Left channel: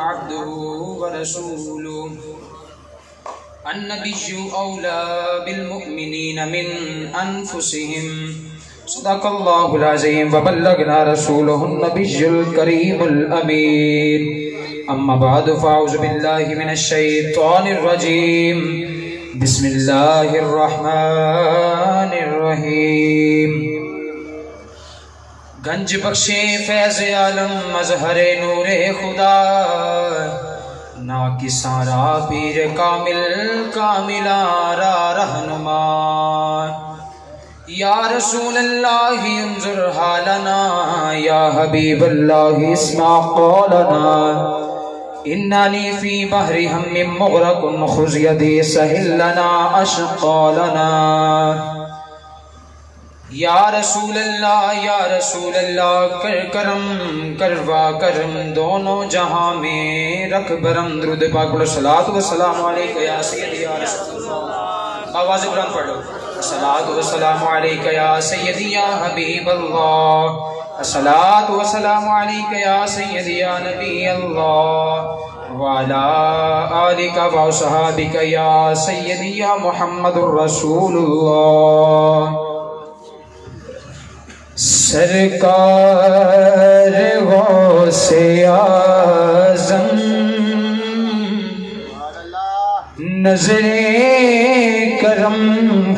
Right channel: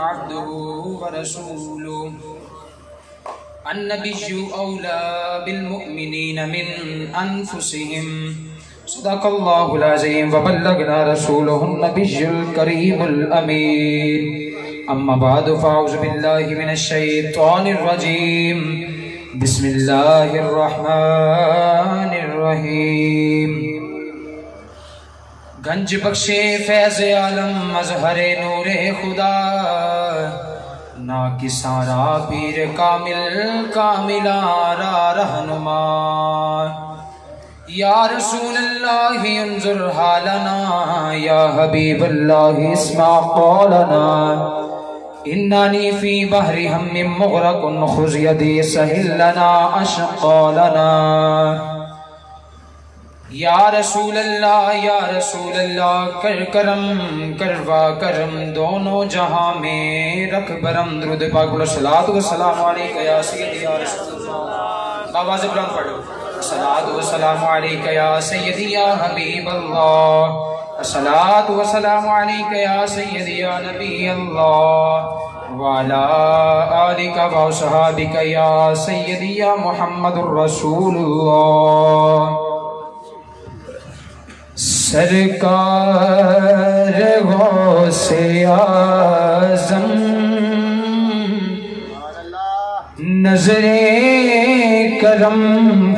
عبده ورسوله النبي أولى بالمؤمنين من أنفسهم صدق الله العظيم وبلغنا رسوله النبي الكريم الأمين أما بعد فأعوذ بالله من الشيطان الرجيم بسم الله الرحمن الرحيم گنج بخشے فیض عالم مظہر نور خدا ناکساں را پیر کامل کاملارا رہنما یا رسول اللہ انظر حالنا یا حبیب اللہ اسمع قولنا اننی فی بحر ہم مغرق خذ یدی سہل لنا اشقالنا یا رسول اللہ کر کرم کروا کرم دونوں جہاں میں رکھ برم درود پاک بولو صلاۃ و سلام علیکہ یا سیدی یا رسول اللہ آواز بلند پڑھو صلاۃ و سلام علیکہ یا سیدی یا حبیب اللہ صلاۃ و سلام علیکہ یا سیدی یا نبی اللہ وعلی آلک و صحابک یا سیدی یا محمد الرسول اللہ سرکار غوث اعظم نظر کرم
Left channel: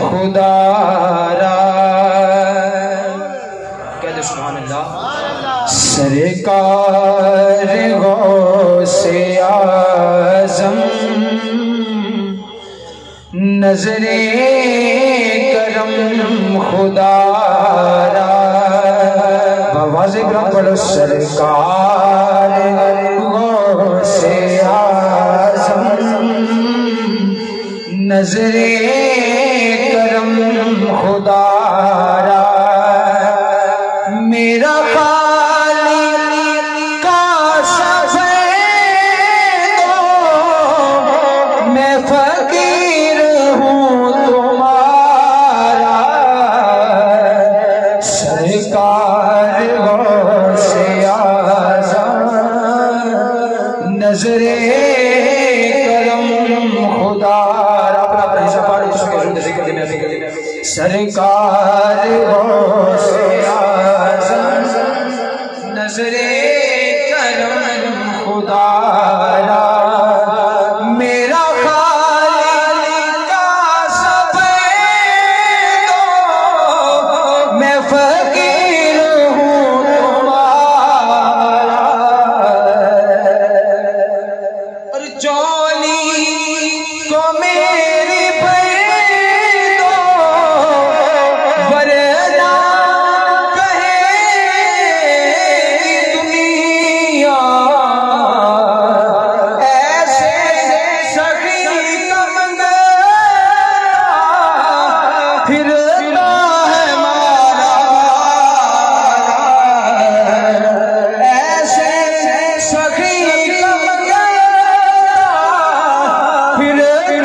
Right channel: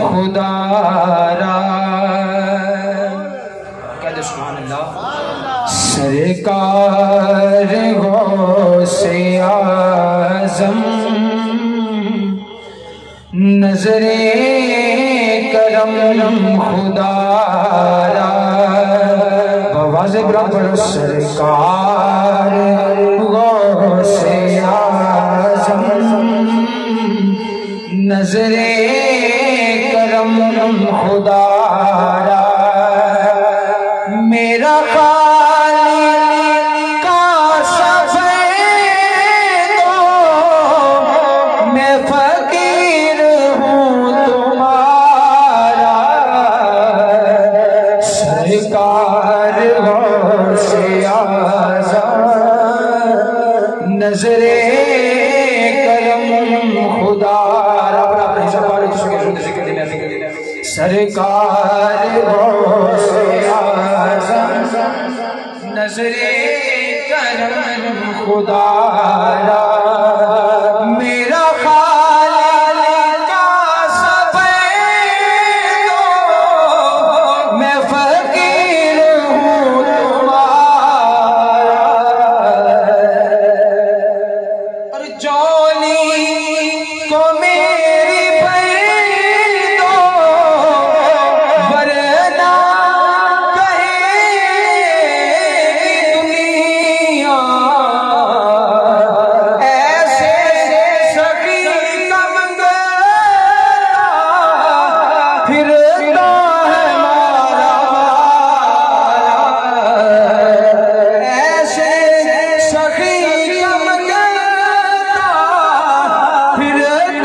خدا را کہہ دے سبحان اللہ سرکار غوث اعظم نظر کرم خدا سرکار غوث اعظم نظر کرم خدا را میرا خالق کا سفید میں فقیر ہوں تمہارا سرکار نظر کرم خدا سرکار غوث اعظم نظر کرم خدا را میرا خالق کا سفید میں فقیر ہوں تمہارا اور جولی تو میری بھر دو ورنہ کہے دنیا ایسے سخی کا منگا پھرتا ہے مارا ایسے سخی کا منگا پھرتا ہے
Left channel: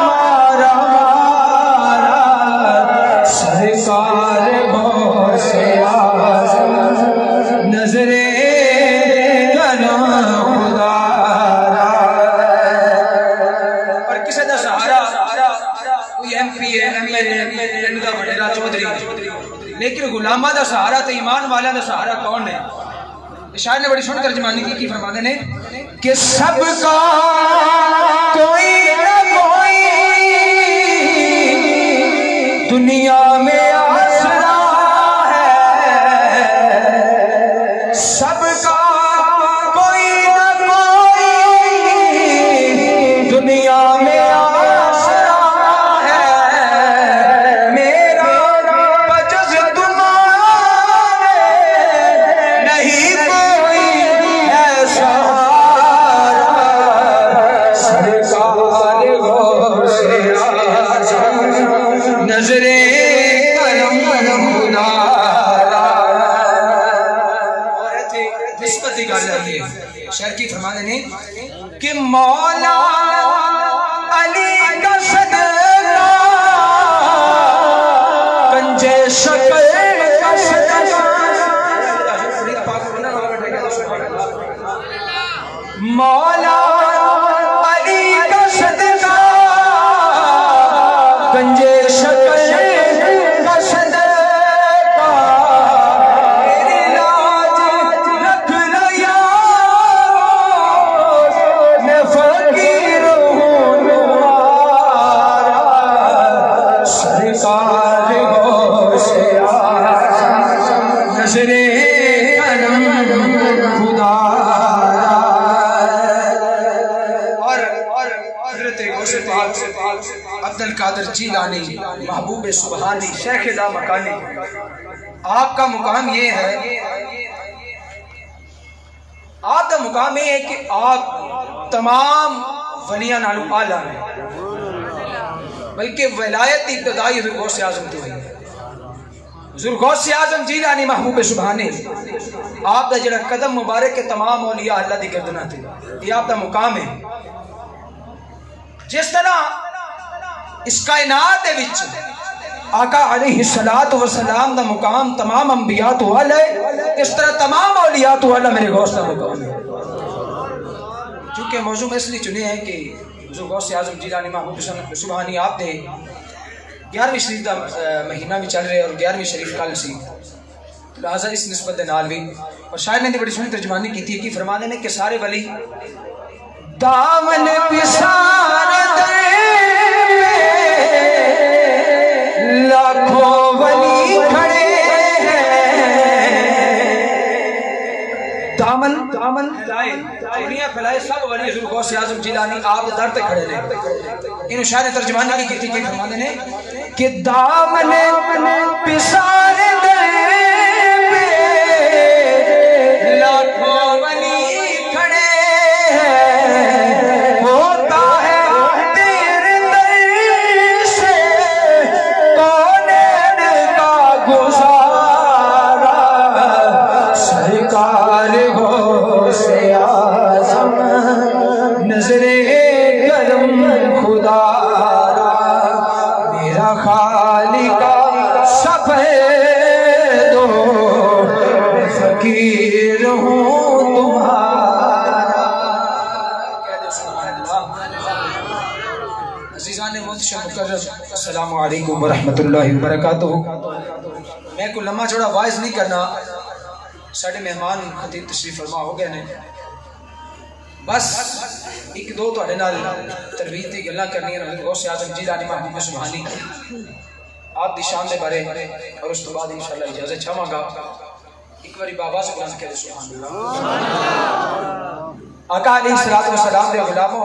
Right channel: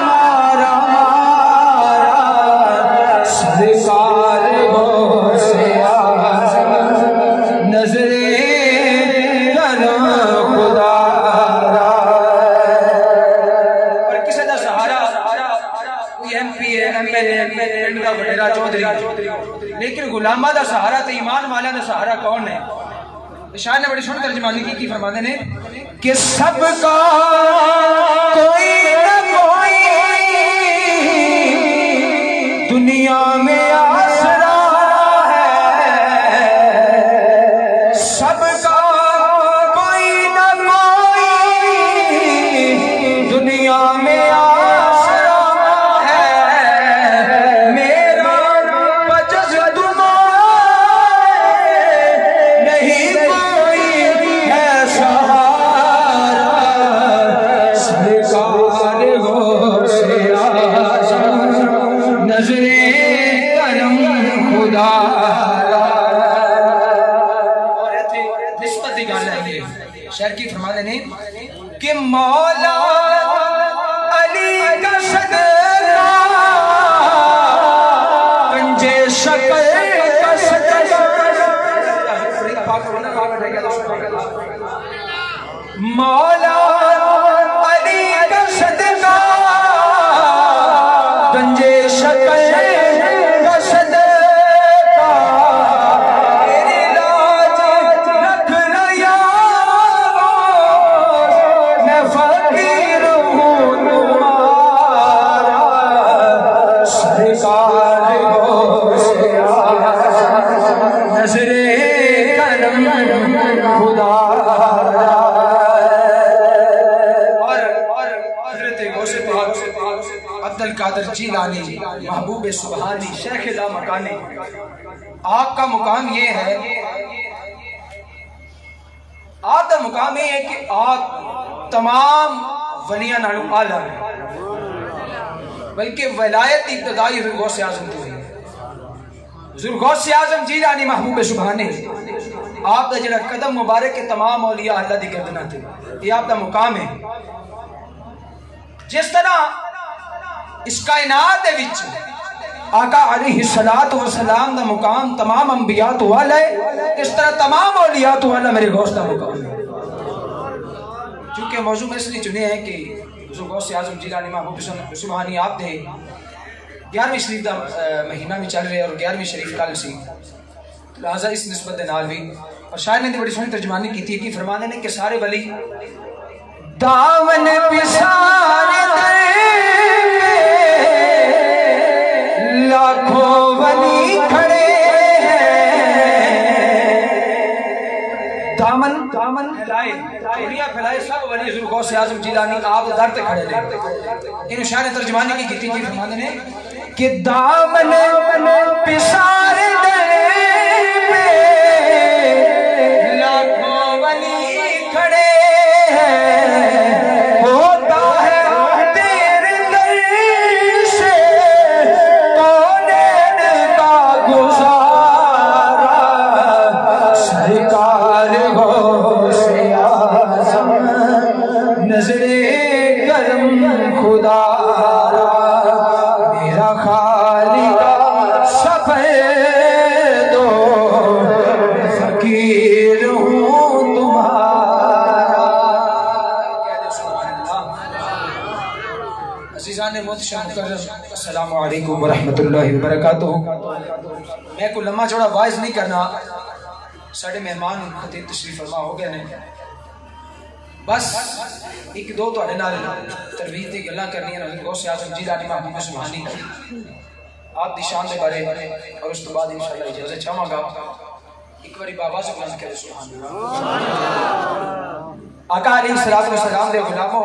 مارا سرکار غوث اعظم نظر کرم خدا را اور کسی دا سہارا کوئی ایم پی ہے ایم ایل اے پنڈ دا وڈیرا چودھری لیکن غلامہ دا سہارا تو ایمان والا دا سہارا کون ہے؟ شاعر نے بڑی چھوٹی ترجمانی کی فرماتے ہیں کہ سب کا کوئی نہ کوئی دنیا میں آسرا ہے سب کا کوئی نہ کوئی دنیا میں آسرا ہے میرا بجز تمہارے نہیں کوئی ہے سہارا سرکار غوث اعظم نظر کرم خدا را اور ایتھے نسبت دی گل ہے یہ شاعر کی فرمانے نے کہ مولا علی کا صدقہ پنجے شکل کا صدقہ مولا علی کا صدقہ گنجے شکل کا صدقہ میری لاج رکھ لو یار میں فقیر ہوں تمہارا سرکار گو سے نظر کرم خدا عبد القادر جیلانی محبوب سبحانی شیخ لامکانی آپ کا مقام یہ ہے، آپ کا مقام یہ ہے کہ آپ تمام ولیاں نال اعلیٰ ہیں، بلکہ ولایت ابتدائی حضور غوث اعظم کی ہوئی ہے۔ حضور غوث اعظم جیلانی محبوب سبحانی آپ کا جڑا قدم مبارک کے تمام اولیاء اللہ دی گردنہ تھے، یہ آپ کا مقام ہے۔ جس طرح اس کائنات دے وچ آقا علیہ السلام دا مقام تمام انبیاء تو اعلیٰ ہے، اس طرح تمام اولیاء تو اعلیٰ میرے غوث کا مقام ہے۔ چونکہ موضوع میں اس لیے چنے ہیں کہ حضور غوث اعظم جیلانی محبوب سبحانی آپ نے 11ویں شریف دا مہینہ بھی چل رہے اور 11ویں شریف کل سی، لہذا اس نسبت دے نال بھی اور شاعر نے بڑی سونی ترجمانی کی تھی کہ فرمانے نے کہ سارے ولی دامن پسار دے لاکھوں ولی کھڑے ہیں، دامن پھیلائے چڑیاں پھیلائے سب ولی حضور غوث اعظم جیلانی آپ در تے کھڑے رہے۔ ان شاعر نے ترجمانی کی تھی کہ فرمانے نے کہ دامن پسار دے لاکھوں ولی کھڑے ہیں، ہوتا ہے تیرے در سے کونین کا گزارا سرکار غوث اعظم نظر کرم خدا میرا خالق سفید و فقیر ہوں تمہارا۔ عزیزان محتشم مکرم، السلام علیکم ورحمۃ اللہ وبرکاتہ۔ میں کوئی لمحہ چوڑا واعظ نہیں کرنا، ساڑھے مہمان خطیب تشریف فرما ہو گئے نے، بس ایک دو تو نال ترویج دی گلاں کرنی ہیں۔ حضور غوث اعظم جیلانی محبوب سبحانی آپ دی شان دے بارے اور اس تو بعد انشاءاللہ اجازت چاہواں گا ایک باری بابا سے بلند کہہ سبحان اللہ۔ آقا علیہ السلام دے غلاموں،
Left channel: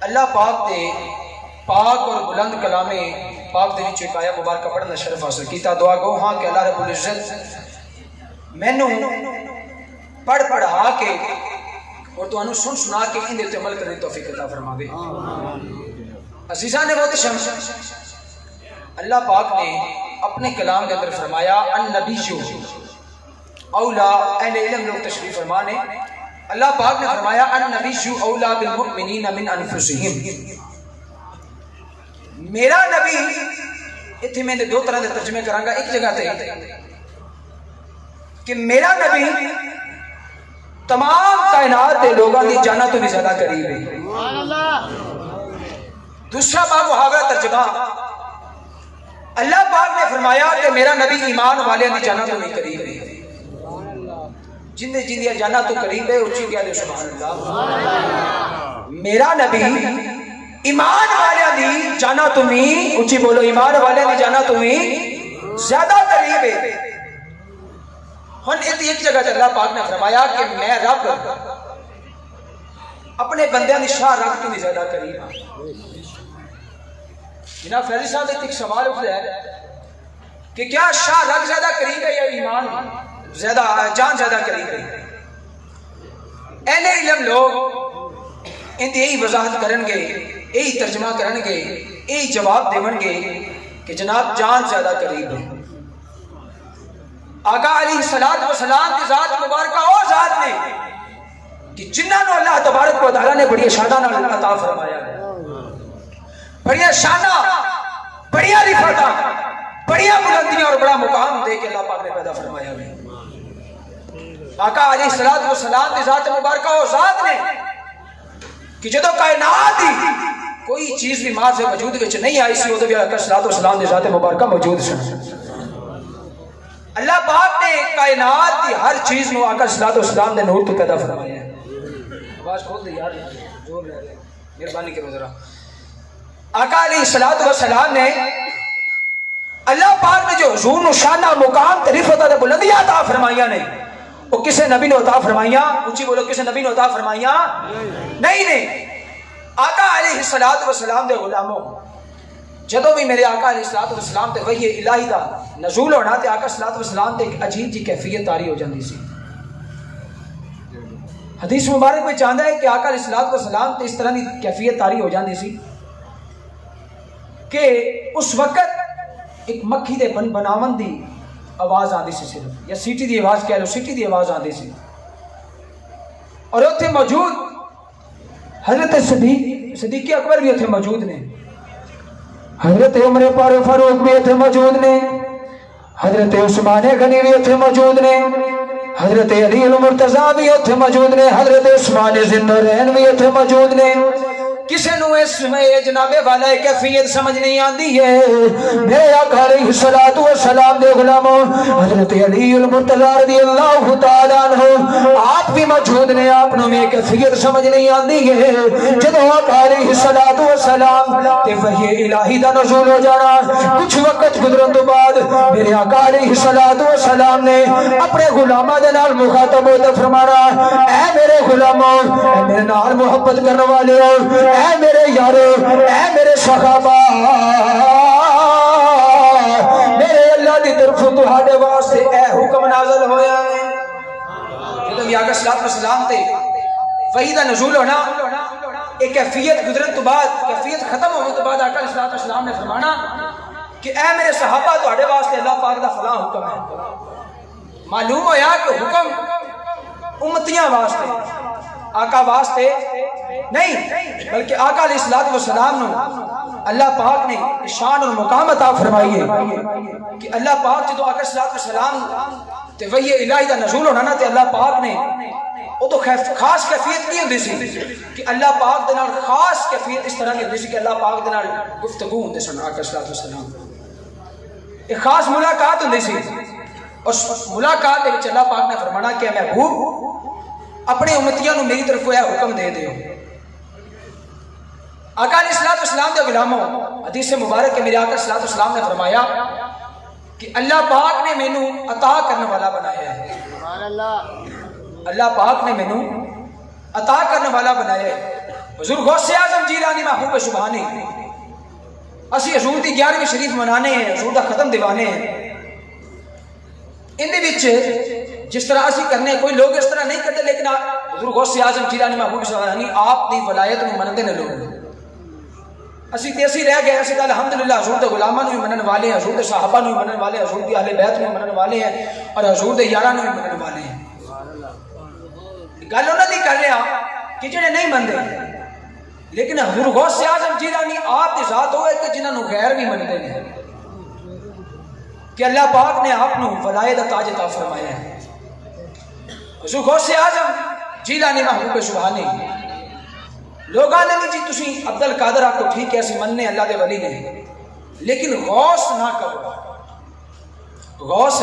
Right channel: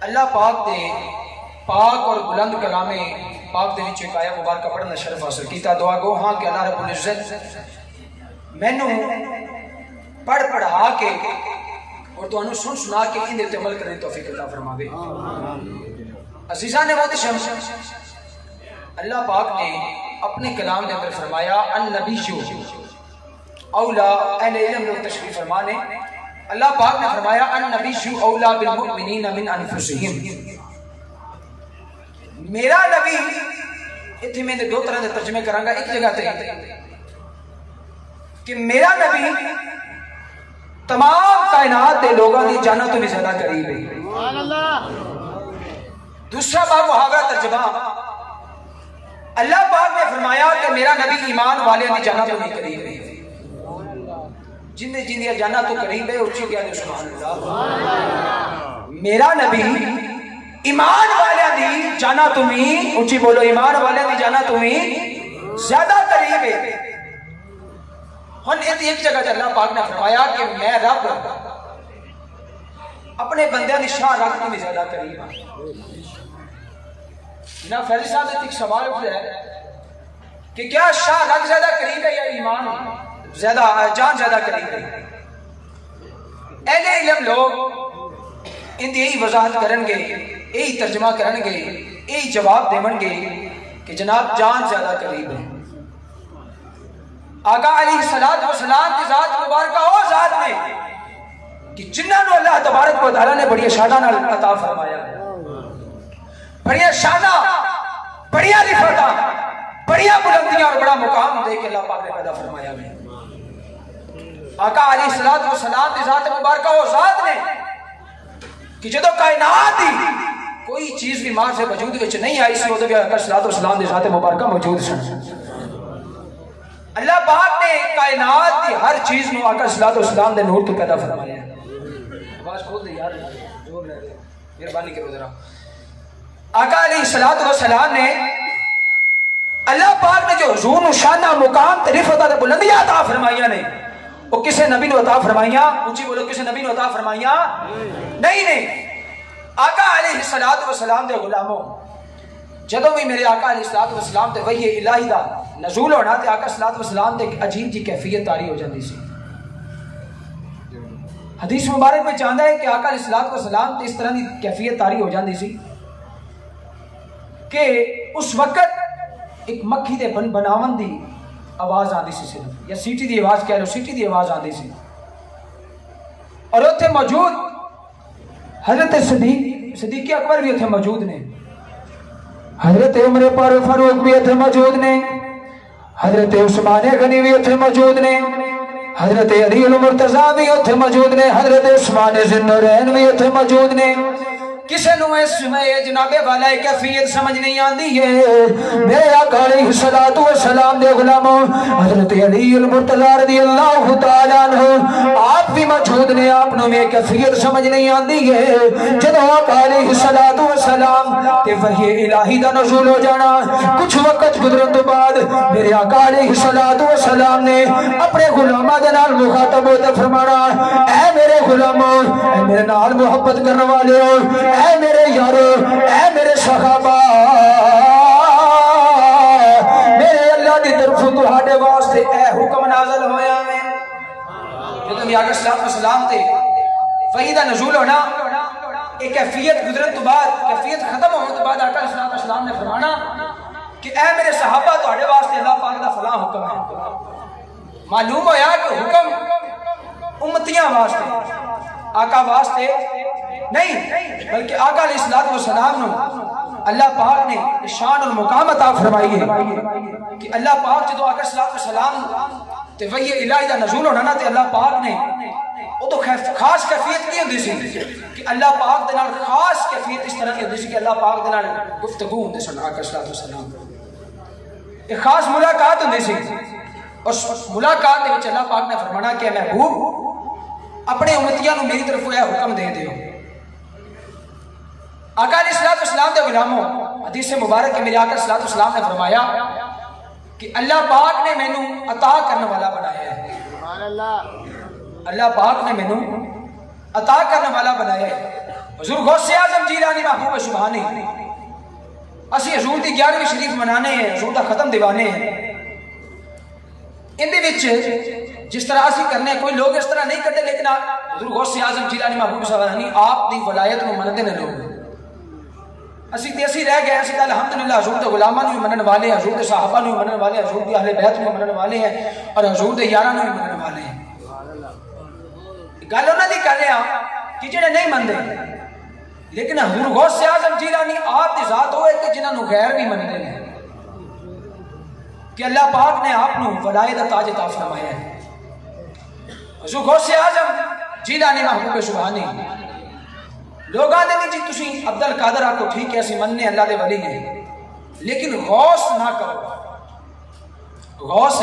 اللہ پاک دے پاک اور بلند کلام پاک دے وچ ایک آیت مبارکہ پڑھنا شرف حاصل کیتا۔ دعا گو ہاں کہ اللہ رب العزت مینوں پڑھ پڑھا کے اور تو انہوں سنا کے ان دیتے عمل کرنے توفیق عطا فرماوے۔ عزیزان محتشم، اللہ پاک نے اپنے کلام کے اندر فرمایا النبی اولا، اہل علم لوگ تشریف فرمانے، اللہ پاک نے فرمایا النبی اولا بالمؤمنین من انفسہم، میرا نبی، اتنے میں نے دو طرح دے ترجمے کروں گا۔ ایک جگہ تے کہ میرا نبی تمام کائنات دے لوگوں کی جانا تو بھی زیادہ قریب ہے۔ دوسرا باب وہاں ترجمہ، اللہ پاک نے فرمایا کہ میرا نبی ایمان والے کی جانا تو نہیں قریب ہے، جن جن جانا تو قریب ہے اچھی بھی آدھے سبحان اللہ۔ میرا نبی ایمان والے دی جانا تمہیں، اچھی بولو، ایمان والے دی جانا تمہیں زیادہ قریب ہے۔ ہن ایک جگہ اللہ پاک نے فرمایا کہ میں رب اپنے بندے دی شاہ رکھ کے بھی زیادہ قریب ہوں۔ جناب فیضی صاحب ایک سوال اٹھ ہے کہ کیا شاہ رکھ زیادہ قریب ہے یا ایمان زیادہ جان زیادہ قریب ہے؟ اہل علم لوگ ان دی یہی وضاحت کرن گے، یہی ترجمہ کرن گے، یہی جواب دیون گے کہ جناب جان زیادہ قریب ہے۔ آقا علیہ السلام کی ذات مبارکہ وہ ذات نے کہ جنہاں نو اللہ تبارک و تعالیٰ نے بڑی شانہ نال عطا فرمایا ہے، بڑی شانہ، بڑی رفعتاں، بڑی بلندیاں اور بڑا مقام دے کے اللہ پاک نے پیدا فرمایا ہے۔ آقا علیہ الصلوۃ والسلام دی ذات مبارکہ اور ذات نے کہ جدو کائنات دی کوئی چیز بھی ماں سے وجود وچ نہیں آئی سی ادھر بھی آقا الصلوۃ والسلام دی ذات مبارکہ موجود سی. اللہ پاک نے کائنات دی ہر چیز نو آقا الصلوۃ والسلام دے نور تو پیدا فرمایا ہے. آواز کھول دے یار زور لے دے مہربانی کرو ذرا. آقا علیہ الصلوۃ والسلام نے اللہ پاک نے جو حضور نو شانہ مقام تعریفت اور بلندیاں عطا فرمائیاں نے وہ کسے نبی نے عطا فرمائیاں؟ اونچی بولو کسے نبی نے عطا فرمائیاں؟ نہیں. آقا علیہ الصلوۃ والسلام دے غلاموں جدوں بھی میرے آقا علیہ الصلوۃ والسلام تے وحی الہی دا نزول ہونا تے آقا الصلوۃ والسلام تے ایک عجیب جی کیفیت طاری ہو جاندی سی. حدیث مبارک میں چاہتا ہے کہ آقا علیہ الصلوۃ والسلام تے اس طرح دی کیفیت طاری ہو جاندی سی کہ اس وقت ایک مکھی دے بناون دی آواز آندی سی صرف یا سیٹی دی آواز کہہ لو سیٹی دی آواز آندی سی اور اتنے موجود حضرت صدیق اکبر بھی اتنے موجود نے حضرت عمر فاروق بھی اتنے موجود نے حضرت عثمان غنی بھی اتنے موجود نے حضرت علی المرتضیٰ بھی اتنے موجود نے حضرت عثمان ذی النورین بھی اتنے موجود نے. کسے نو اس جناب والا کیفیت سمجھ نہیں آندی ہے. میرے آقا علیہ الصلوۃ والسلام دے غلاموں حضرت علی المرتضیٰ رضی اللہ تعالیٰ عنہ آپ بھی موجود نے. آپ نو میں کیفیت سمجھ نہیں آندی ہے جدوں آقا علیہ الصلوۃ والسلام تے وحی الہی دا نزول ہو جانا کچھ وقت گزرن تو بعد میرے آقا علیہ الصلوۃ والسلام نے اپنے غلاماں دے نال مخاطب ہو کے فرمانا اے میرے غلاموں اے میرے نال محبت کرنے والے اے میرے یارو اے میرے صحابہ میرے اللہ دی طرف تہاڈے واسطے اے حکم نازل ہویا ہے. جدوں بھی آقا الصلوۃ والسلام تے وحی دا نزول ہونا ایک کیفیت گزرن تو بعد کیفیت ختم ہونے تو بعد آقا الصلوۃ والسلام نے فرمانا کہ اے میرے صحابہ تہاڈے واسطے اللہ پاک دا فلاں حکم ہے. معلوم ہویا کہ حکم امتیاں واسطے آقا واسطے نہیں بلکہ آقا علیہ الصلوۃ والسلام نے اللہ پاک نے شان اور مقام عطا فرمائی ہے کہ اللہ پاک جدو آقا الصلوۃ والسلام تے وحی الہی دا نزول ہونا تے اللہ پاک نے وہ تو خاص کیفیت نہیں ہوندی سی کہ اللہ پاک دے نال خاص کیفیت اس طرح کی ہوندی سی کہ اللہ پاک دے نال گفتگو ہوندی سی آقا الصلوۃ والسلام ایک خاص ملاقات ہوندی سی اور ملاقات دے وچ اللہ پاک نے فرمانا کہ محبوب اپنے امتیاں نو میری طرف ہے حکم دے دیو. آقا علیہ الصلوۃ والسلام دے غلاموں حدیث مبارک ہے میرے آقا الصلوۃ والسلام نے فرمایا کہ اللہ پاک نے مینوں عطا کرنے والا بنایا ہے. سبحان اللہ. اللہ پاک نے مینوں عطا کرنے والا بنایا ہے. حضور غوث اعظم جیلانی محبوب سبحانی اسی حضور دی 11ویں شریف منانے ہیں حضور دا ختم دیوانے ہیں. ان دے وچ جس طرح اسی کرنے کوئی لوگ اس طرح نہیں کرتے لیکن حضور غوث اعظم جیلانی محبوب سبحانی آپ دی ولایت نو منتے نے لوگ اسی تے اسی رہ گئے اسی تے الحمدللہ حضور دے غلاماں نو منن والے ہیں حضور دے صحابہ نو منن والے ہیں حضور دی اہل بیت نو منن والے ہیں اور حضور دے یاراں نو منن والے ہیں. گل انہاں دی کر رہے ہیں کہ جڑے نہیں مندے لیکن حضور غوث اعظم جیلانی آپ دی ذات ہوئے کہ جنہاں نو غیر بھی منتے ہیں کہ اللہ پاک نے آپ نو ولایت دا تاج عطا فرمایا ہے. حضور غوث اعظم جیلانی محبوب سبحانی لوگ آتے نہیں جی تسی عبد القادر آپ کو ٹھیک ہے اسی مننے اللہ دے ولی نے لیکن غوث نہ کہو غوث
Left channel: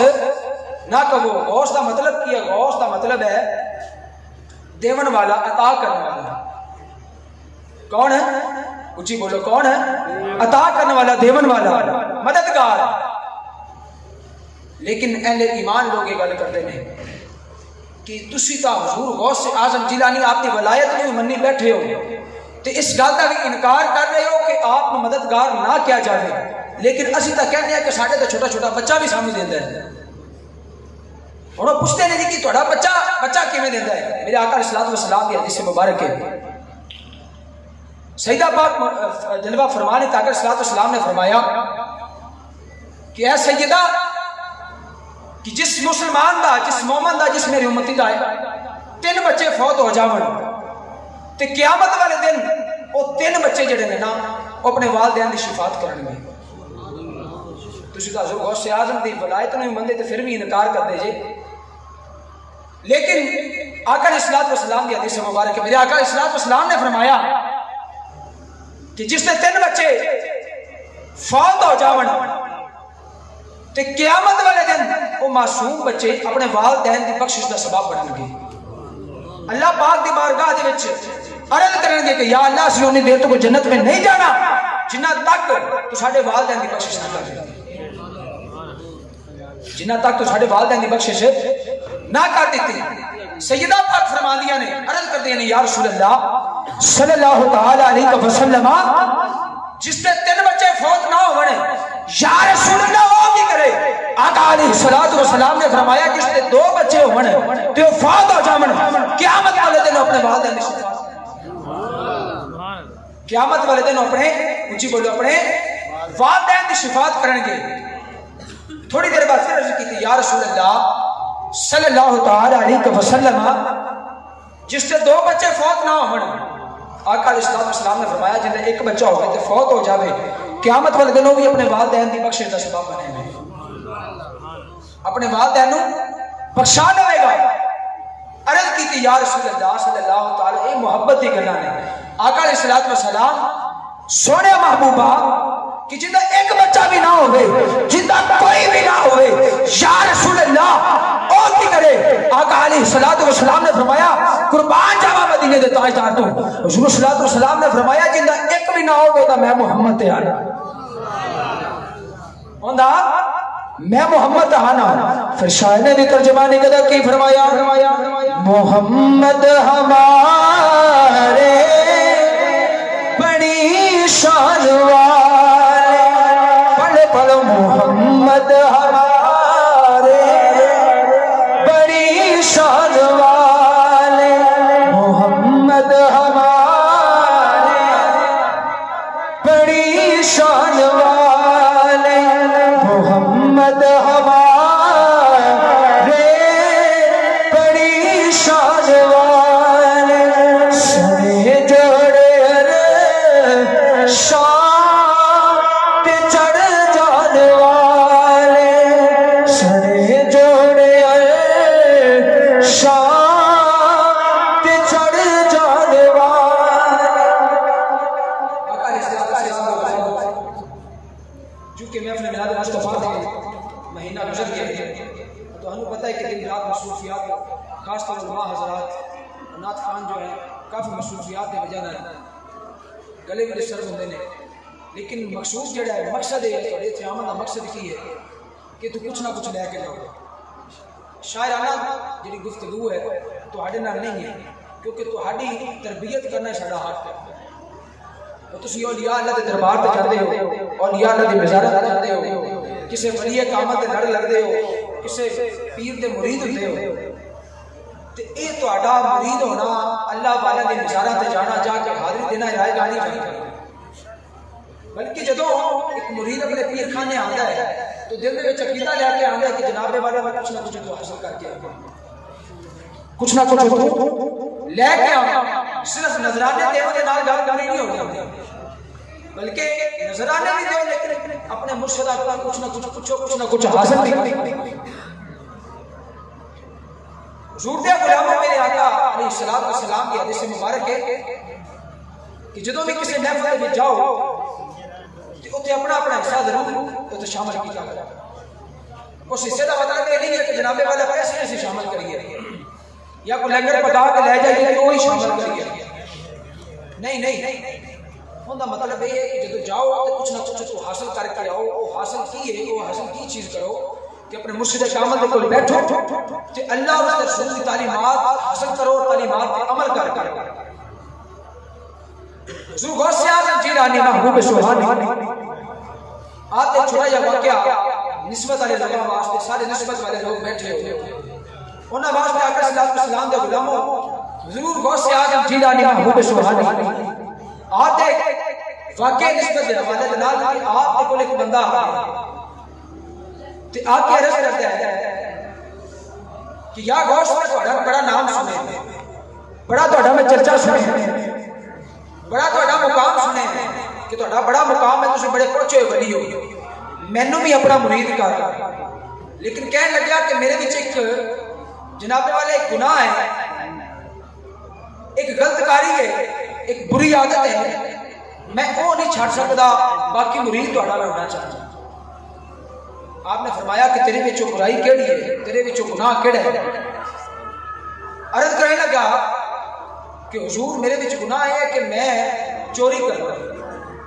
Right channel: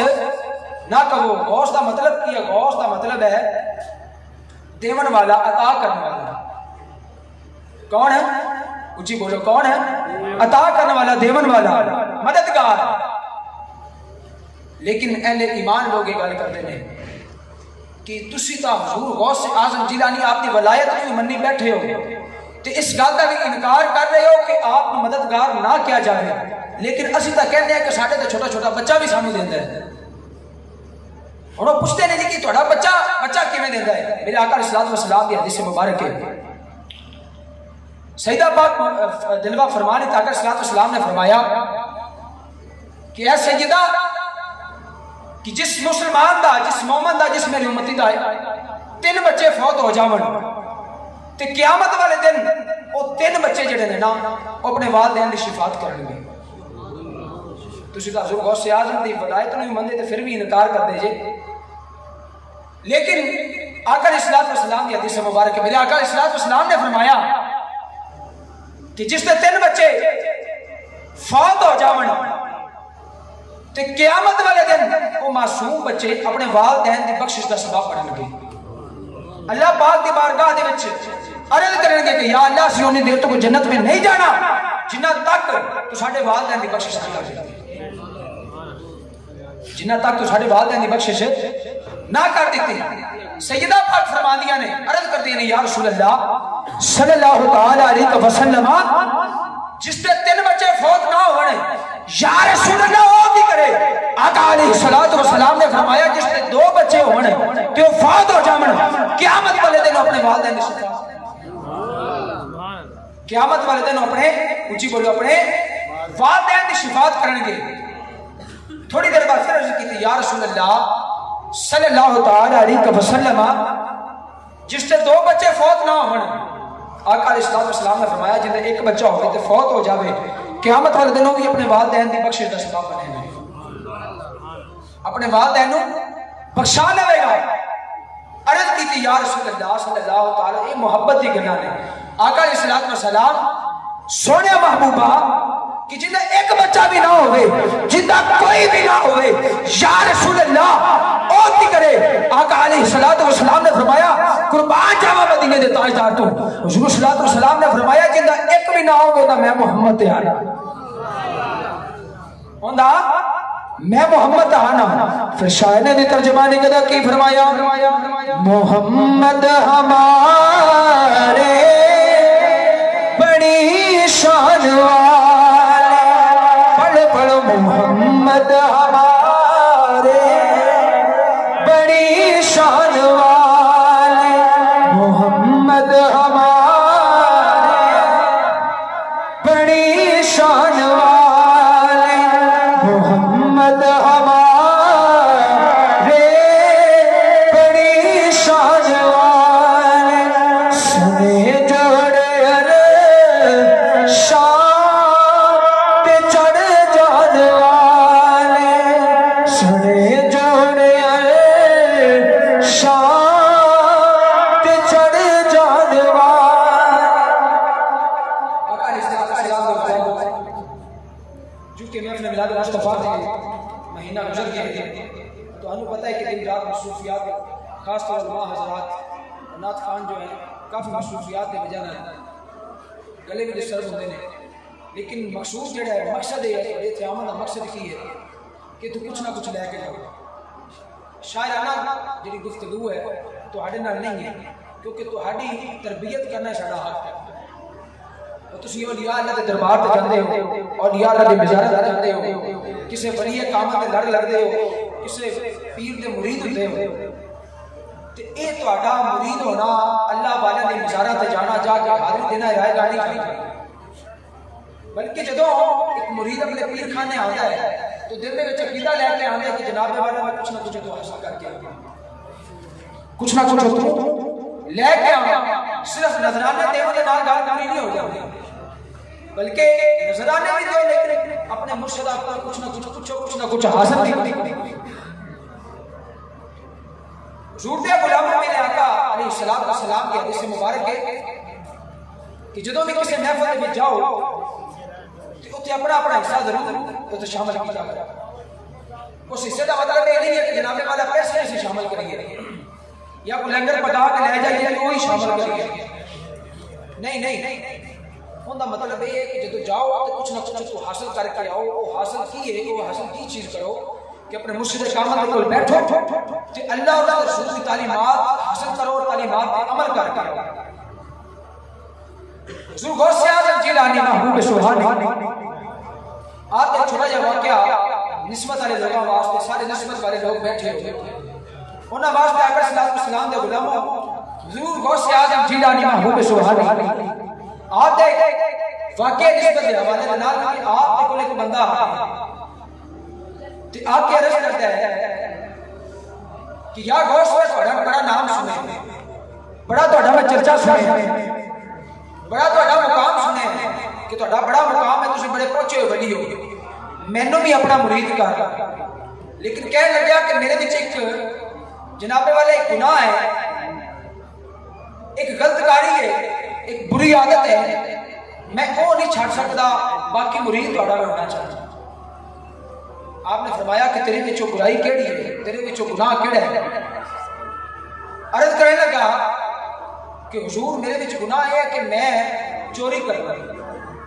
نہ کہو. غوث دا مطلب کیا غوث دا مطلب ہے دیون والا عطا کرنے والا. کون ہے اونچی بولو کون ہے؟ عطا کرنے والا دیون والا مددگار. لیکن اہل ایمان لوگ یہ گل کرتے ہیں کہ تسی تا حضور غوث اعظم جیلانی آپ کی ولایت میں منی بیٹھے ہو تو اس گل کا بھی انکار کر رہے ہو کہ آپ مددگار نہ کیا جائے لیکن اسی تا کہتے ہیں کہ ساڈے تے چھوٹا چھوٹا بچہ بھی سامنے دیندا ہے. ہن پوچھتے نہیں کہ تہاڈا بچہ کیویں دیندا ہے. میرے آقا علیہ الصلوۃ والسلام کی حدیث مبارک ہے سیدہ پاک دلوا فرمانے آقا علیہ الصلوۃ والسلام نے فرمایا کہ اے سیدہ کہ جس مسلمان دا جس مومن دا جس میری امتی دا ہے 3 بچے فوت ہو جاون تے قیامت والے دن وہ 3 بچے جڑے نے نا وہ اپنے والدین دی شفاعت کریں گے. تسی حضور غوث اعظم دی ولایت نو مندے تے پھر بھی انکار کر دے جے لیکن آقا علیہ السلام کی حدیث مبارک ہے، میرے آقا علیہ السلام نے فرمایا کہ جس نے 3 بچے فوت ہو جاون تے قیامت والے دن وہ معصوم بچے اپنے والدین کی بخشش کا سبب بنن گے، اللہ پاک دی بارگاہ دے وچ عرض کرن گے کہ یا اللہ اسی انہی دیر تو جنت میں نہیں جانا جنہ تک تو ساڈے والدین کی بخشش نہ کر دیتی، جنہ تک تو ساڈے والدین کی بخشش نہ کر دیتی۔ سیدہ پاک فرماندیاں نے عرض کرتے ہیں یا رسول اللہ صلی اللہ تعالی علیہ وسلم جس نے 3 بچے فوت نہ ہونے یا رسول اللہ وہ بھی کرے؟ آقا علیہ السلام نے فرمایا جس نے 2 بچے ہونے تو فوت ہو جاون قیامت والے دن اپنے والدین کی شفاعت، قیامت والے دن اپنے اونچی بولو اپنے والدین کی شفاعت کرن گے۔ تھوڑی دیر بعد پھر عرض کی یا رسول اللہ صلی اللہ تعالی علیہ وسلم جس نے 2 بچے فوت نہ ہون آقا علیہ السلام نے فرمایا جن میں 1 بچہ ہوگا تو فوت ہو جاوے قیامت والے دن وہ بھی اپنے والدین کی بخشش کا سبب بنے گا، اپنے والدین بخشا لے گا۔ عرض کی یا رسول اللہ صلی اللہ تعالی اے محبت دی گلاں نے آقا علیہ السلام سونے محبوبہ کہ جن 1 بچہ بھی نہ ہوئے جن کوئی بھی نہ ہوئے یا رسول اللہ او کی کرے؟ آقا علیہ السلام نے فرمایا قربان جاواں مدینے دے تاجدار تو حضور صلی اللہ علیہ وسلم نے فرمایا جن 1 بھی نہ ہوئے تے میں محمد تے آنا ہوندا میں محمد آنا۔ پھر شاعر نے ترجمانی کدا کی فرمایا محمد ہمارے بڑی شان والے، پڑھ پڑھ محمد ہمارے بڑی شان والے، محمد ہمارے بڑی شان والے، محمد ہمارے بڑی شان والے، سنے جوڑے شان پہ چڑھ جان والے، سنے جوڑے شان پہ چڑھ جان والے۔ چونکہ میں اپنے میلاد مصطفیٰ کے مہینہ گزر گیا ہے تو ہمیں پتہ ہے کہ دن رات مصروفیات خاص طور علماء حضرات نعت خان جو ہیں کافی مصروفیات کی وجہ نہ گلے بھی ڈسٹرب ہوتے ہیں، لیکن مقصود جڑا ہے مقصد ہے تھوڑے اتنے آمن کا مقصد کی ہے کہ تو کچھ نہ کچھ لے کے جاؤ۔ شاعرانہ جڑی گفتگو ہے تہاڈے نال نہیں ہے کیونکہ تہاڈی تربیت کرنا ساڈا حق ہے، اور تسی اولیاء اللہ دے دربار تے جاندے ہو، اولیاء اللہ دی مزارت تے جاندے ہو، کسے ولی کامت تے لڑ لگدے ہو، کسے پیر دے مرید ہوندے ہو، تے اے تہاڈا مرید ہونا اللہ والے دی مزارت تے جانا جا کے حاضری دینا رائے گاہ نہیں چاہیے، بلکہ جدوں ایک مرید اپنے پیر خانے آندا ہے تو دل دے وچ عقیدہ لے کے آندا ہے کہ جناب والا میں کچھ نہ کچھ تو حاصل کر کے کچھ نہ کچھ لے کے آواں، صرف نظرانے دینے دے نال گل پوری نہیں ہو جاتی، بلکہ نظرانے بھی دو لیکن اپنے مرشد اپنا کچھ نہ کچھ پوچھو، کچھ نہ کچھ حاصل بھی کرو۔ حضور دے غلاموں میرے آقا علیہ السلام کی حدیث مبارک ہے کہ جدوں بھی کسی محفل میں جاؤ تو اتنے اپنا اپنا حصہ ضرور تو شامل کیا کرو۔ اس حصے کا مطلب یہ نہیں ہے کہ جناب والا پیسے سے شامل کریے یا کوئی لنگر پکا کے لے جائیے کہ وہی شامل کریے، نہیں، ان کا مطلب یہ ہے کہ جب جاؤ تو کچھ نہ کچھ تو حاصل کر کے آؤ۔ وہ حاصل کی ہے، وہ حاصل کی چیز کرو کہ اپنے مرشد کامل کے کول بیٹھو کہ اللہ اور اس کے رسول کی تعلیمات حاصل کرو اور تعلیمات پر عمل کر کے آؤ۔ حضور غوث اعظم جیلانی محبوب سبحانی آپ ایک چھوٹا جا واقعہ نسبت والے لوگوں واسطے، سارے نسبت والے لوگ بیٹھے ہوئے انہاں واسطے آقا صلی اللہ علیہ وسلم دے غلاموں حضور غوث اعظم جیلانی محبوب سبحانی آپ دے واقعہ نسبت دے حوالے دے نال کہ آپ دے کول ایک بندہ آیا تے آپ کی عرض کرتا ہے کہ یا غوث میں تہاڈا بڑا نام سنے، بڑا تہاڈا میں چرچا سنے، بڑا تہاڈا مقام سنے کہ تہاڈا بڑا مقام ہے، تسی بڑے پہنچے ہوئے ولی ہو، مینوں بھی اپنا مرید کر، لیکن کہنے لگا کہ میرے وچ ایک جناب والے ایک گناہ ہے، ایک غلط کاری ہے، ایک بری عادت ہے، میں وہ نہیں چھڑ سکتا، باقی مرید تو ہٹا ہونا چاہتا ہوں۔ آپ نے فرمایا کہ تیرے وچوں برائی کیڑی ہے، تیرے وچوں گناہ کیڑا ہے؟ عرض کرنے لگا کہ حضور میرے وچ گناہ ہے کہ میں چوری کرنا۔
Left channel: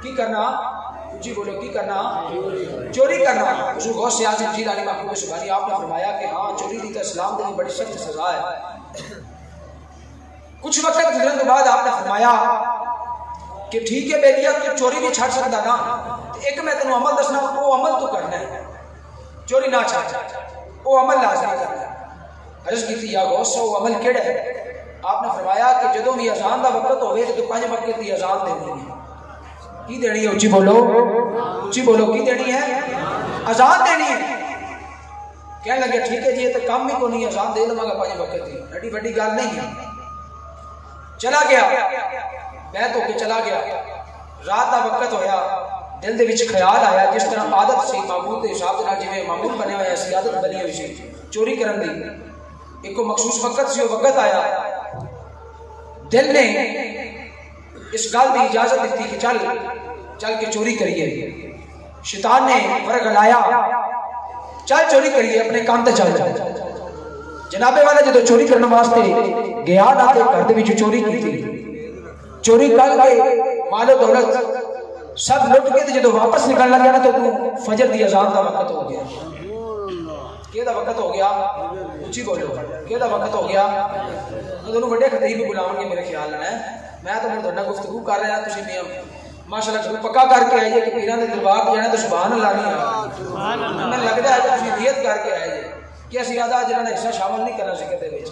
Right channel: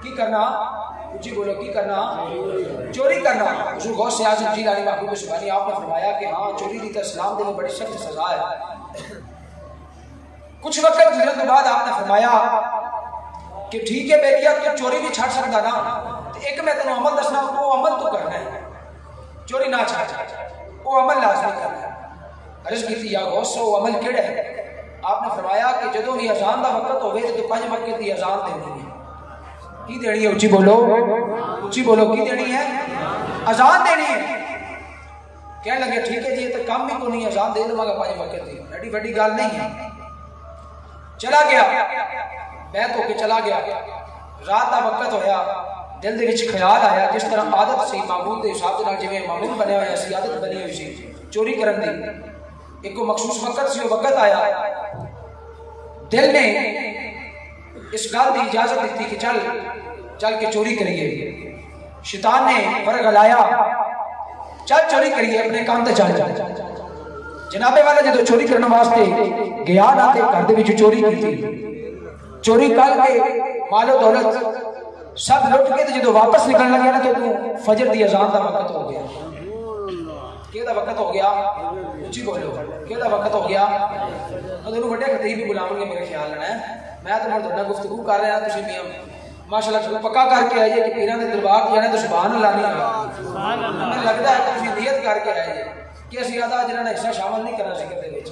کی کرنا؟ جی بولو، کی کرنا؟ چوری کرنا۔ حضور غوث اعظم جیلانی محبوب سبحانی آپ نے فرمایا کہ ہاں چوری دی تو اسلام دے بڑی سخت سزا ہے۔ کچھ وقت گزرنے کے بعد آپ نے فرمایا کہ ٹھیک ہے بیٹیا تو چوری نہیں چھڑ سکتا نا، ایک میں تینوں عمل دسنا، وہ عمل تو کرنا ہے، چوری نہ چھڑ، وہ عمل لازمی کرنا ہے۔ عرض کی تھی یا غوث وہ عمل کیڑا ہے؟ آپ نے فرمایا کہ جدوں بھی اذان دا وقت ہوئے تو 5 وقت دی اذان دینی ہے۔ کی دینی ہے؟ اچھی بولو، اچھی بولو، کی دینی ہے؟ اذان دینی ہے۔ کہنے لگے ٹھیک ہے جی یہ تو کم ہی کو نہیں، اذان دے لوں گا 5 وقت دی، ایڈی بڑی گل نہیں ہے۔ چلا گیا، بیت ہو کے چلا گیا، رات کا وقت ہویا، دل دے وچ خیال آیا، جس طرح عادت سی معمول دے حساب نال جویں معمول بنیا ہویا سی، عادت بنی ہوئی سی چوری کرن دی، ایک مخصوص وقت سی، وہ وقت آیا، دل نے اس گل کی اجازت دیتی کہ چل کے چوری کریے۔ شیطان نے فرق لایا، چل چوری کریے، اپنے کام تے چل۔ جناب والا جدو چوری کرنے واسطے گیا نہ تے گھر دے وچ چوری کی، چوری کر کے مال و دولت سب لٹ کے جدو واپس نکلنے لگا نا تو فجر دی اذان دا وقت ہو گیا۔ کہدا وقت ہو گیا؟ اچھی بولو، کہدا وقت ہو گیا؟ میں تمہیں بڑے خطیب بھی بلاؤں گے میرے خیال ہے، میں تو مردانہ گفتگو کر رہا ہوں، تسی میاں ماشاءاللہ پکا کر کے آئیے کہ پیران دے دربار کی ہے نا تو سبحان اللہ نہیں آ، ہمیں لگتا ہے کہ تسی نیت کر کے آئیے کہ اسی آدھا جنہاں نے حصہ شامل نہیں کرنا ذکر دے وچ۔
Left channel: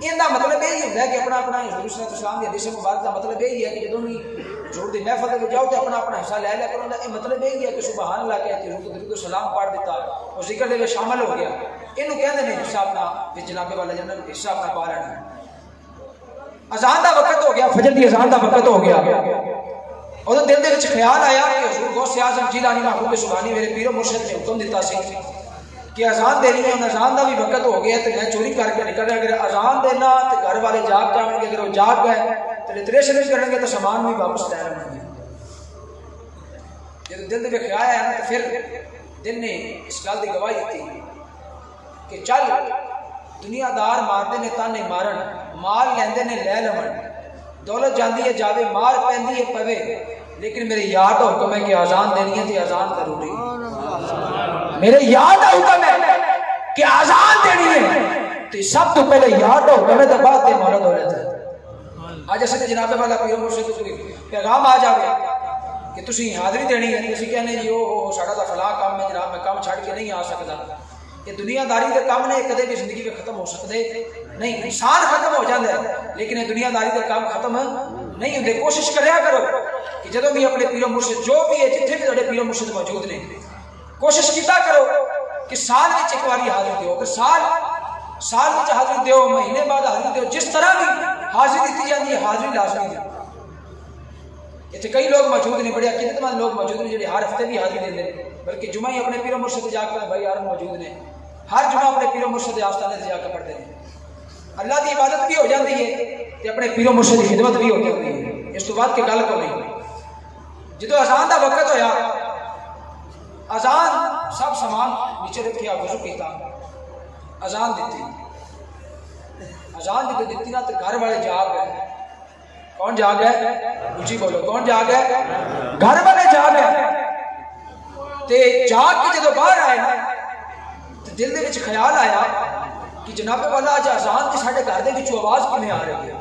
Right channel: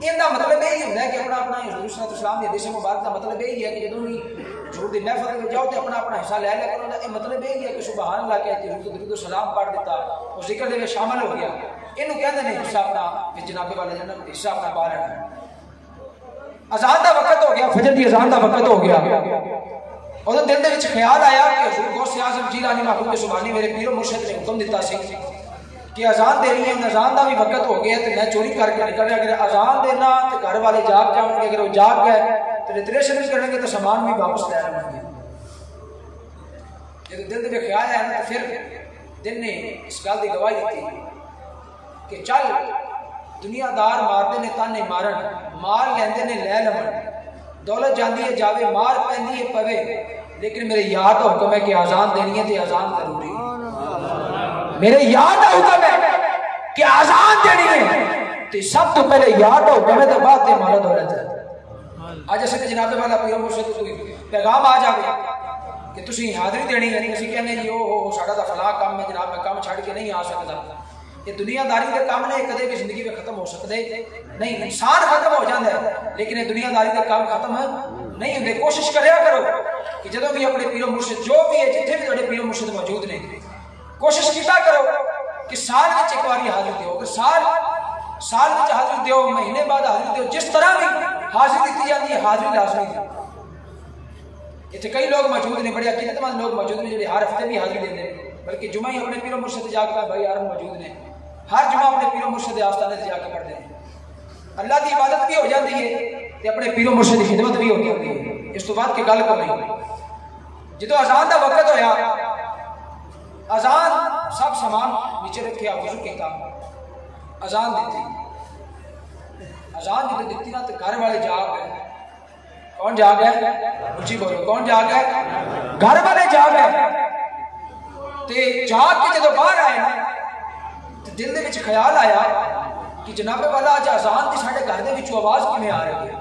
ان کا مطلب یہی ہوتا ہے کہ اپنا اپنا حضور صلی اللہ علیہ وسلم کی حدیث مبارک کا مطلب یہی ہے کہ جدوں بھی حضور دی محفل میں جاؤ تو اپنا اپنا حصہ لے لیا کرو، یہ مطلب یہی ہے کہ سبحان اللہ کہتے حضور کو درود و سلام پڑھ دیتا اور ذکر دے شامل ہو گیا۔ اینو کہندے نے حصہ اپنا کہ جناب والا جناب حصہ اپنا پا لینا۔ اذان دا وقت ہو گیا، فجر دی اذان دا وقت ہو گیا، اور دل دے وچ خیال آیا کہ حضور غوث اعظم جیلانی محبوب سبحانی میرے پیر و مرشد نے حکم دیتا سی کہ اذان دینی ہے، اذان دا بھی وقت ہو گیا تو میں چوری کر کے نکل رہا، اگر اذان دینا تو گھر والے جاگ جائیں گے، اگر وہ جاگ گئے تو ریتریشن بھی کریں گے تو سامان بھی واپس لے لیں گے۔ جب دل دے خیال آیا نا تو پھر دل نے اس گل کی گواہی دیتی کہ چل دنیا دار مارتے نے تانے مارن، مال لیندے نے لے لون، دولت جاندی ہے جاوے، مار پیندی ہے پوے، لیکن میرے یار کا حکم ہے کہ اذان دینی ہے تو اذان ضروری ہے۔ میرے یار کا حکم ہے کہ اذان دینی ہے تو سب تو پہلے یار کا حکم ہے تو بعد دے مال دولت۔ آج اسے جناب والا پیر مرشد کو پیغام آ جائے کہ تسی حاضری دینی ہے، اسی کہنے جی وہ ساڈا دا فلاں کام ہے جناب، میں کام چھڑ کے نہیں آ سکتا۔ یہ دنیا داری کے کام نے کدے بھی زندگی میں ختم ہو سکتے نہیں، انسان ختم ہو جاتا ہے لیکن دنیا داری کے کام ختم نہیں ہوتے۔ کوشش کریا کرو کہ جدوں بھی اپنے پیر و مرشد جو بھی ہے جتنے بھی تھوڑے پیر و مرشد موجود نے، کوشش کیتا کرو کہ سال وچ ایک باری حاضری دیو، کہ سال وچ حاضری دیو، مہینے بعد حاضری دیو، جس طرح بھی حاضری دیتی جاتی ہے حاضری لازمی دی۔ اتنے کئی لوگ موجود نے، بڑے عقیدت مند لوگ موجود نے جو ہر ہفتے بھی حاضری دے دیں، بلکہ جمعہ ہی اپنے پیر و مرشد جا کے بھائی یار موجود نے، ہر جمعہ اپنے پیر و مرشد آستانے سے جا کے پڑھتے ہیں۔ اللہ کی عبادت بھی ہو جاتی ہے کہ اپنے پیر و مرشد کی خدمت بھی ہو جاتی ہے۔ اس تو بعد کے گل کو نہیں، جدو اذان دا وقت ہویا، اذان سب سامان نیچے رکھیا، وضو کیتا، اذان دیتی، اذان جب دیتی نا تو گھر والے جاگ گئے۔ کون جاگ گئے؟ اونچی بولو، کون جاگ گئے؟ گھر والے جاگ گئے۔ تے جاگ کے جدو باہر آئے نا تو دل دے وچ خیال آیا کہ جناب والا اج اذان دی ساڈے گھر دے وچ آواز کیویں آ رہی ہے۔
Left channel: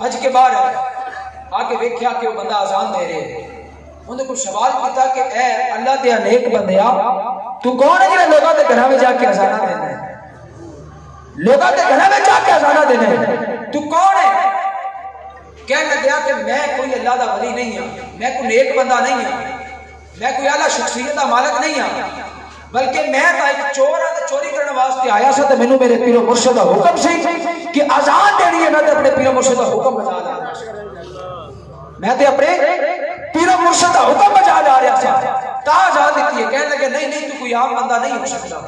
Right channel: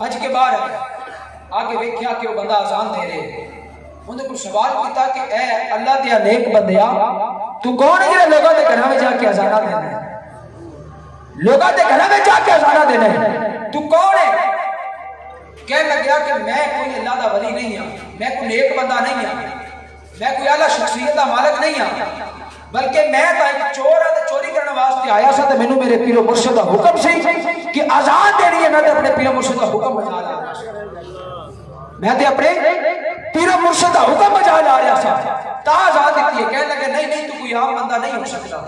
اج کے باہر آئے، آگے ویکھیا کہ وہ بندہ اذان دے رہے، انہوں نے سوال کیتا کہ اے اللہ دے نیک بندیا تو کون ہے جڑا لوگاں دے گھراں وچ جا کے اذان دینا ہے؟ لوگاں دے گھراں وچ جا کے اذان دینا ہے، تو کون ہے؟ کہنے لگا کہ میں کوئی اللہ دا ولی نہیں ہوں، میں کوئی نیک بندہ نہیں ہوں، میں کوئی اعلیٰ شخصیت دا مالک نہیں ہوں، بلکہ میں تا ایک چور ہاں تے چوری کرنے واسطے آیا سا تے مینوں میرے پیر و مرشد دا حکم سی کہ اذان دینی ہے، میں تے اپنے پیر و مرشد دا حکم بجا لیا، میں تے اپنے پیر و مرشد دا حکم بجا لا رہا سا، تا اذان دیتی ہے۔ کہنے لگے نہیں نہیں تو کوئی عام بندہ نہیں ہو سکتا،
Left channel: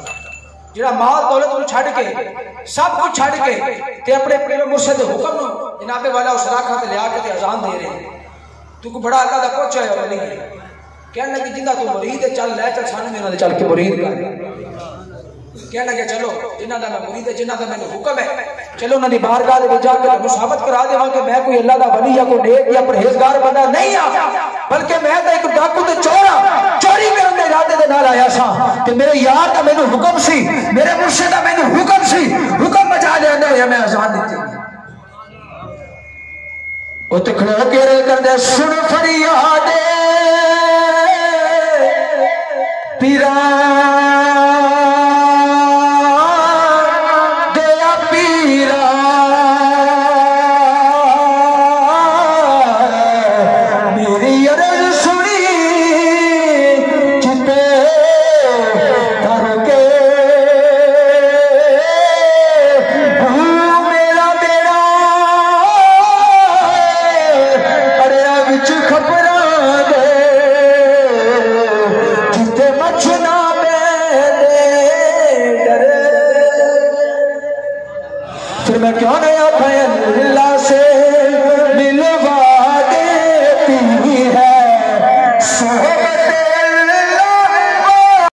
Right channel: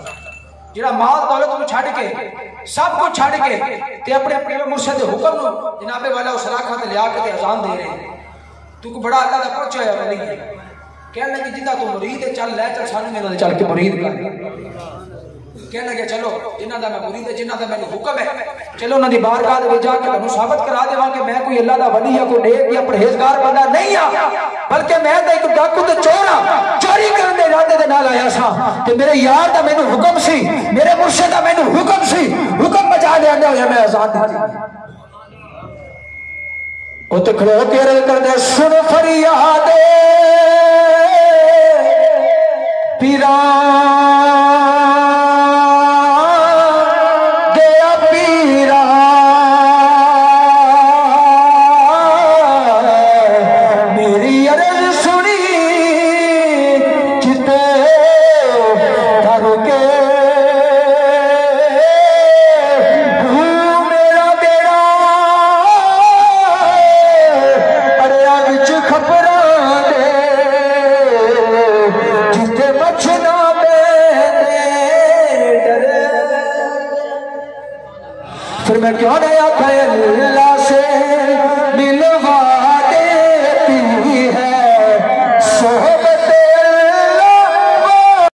جڑا مال دولت کو چھڑ کے سب کچھ چھڑ کے تے اپنے پیر مرشد حکم نو جناب والا اس راکھا تے لیا کے تے اذان دے رہے ہیں. تو کو بڑا اللہ دا پہنچا ہے ولی ہے. کہنے لگے جنہ تو مرید ہے چل لے چل سانو انہاں دے چل کے مرید کر. کہنے لگے چلو جنہ دا میں مرید ہے جنہ دا میں حکم ہے چلو انہاں دی بارگاہ دے وچ جا کے انہوں ثابت کرا دیواں کہ میں کوئی اللہ دا ولی یا کوئی نیک یا پرہیزگار بندہ نہیں ہاں بلکہ میں تے ایک ڈاکو تے چور ہاں. چوری کرن دے ارادے دے نال آیا سا تے میرے یار دا مینوں حکم سی میرے مرشد دا مینوں حکم سی حکم بجا لینا ہویا میں آزاد دتی. او تے کھڑے ہو کے رے کردے سن فریاد پیرا دیا پیرا میری عرض سنی جتے کر کے میرا بیڑا اریا وچ خبراں دے جتے مچھنا پہ ڈرے. پھر میں کیوں نہیں آکھے اللہ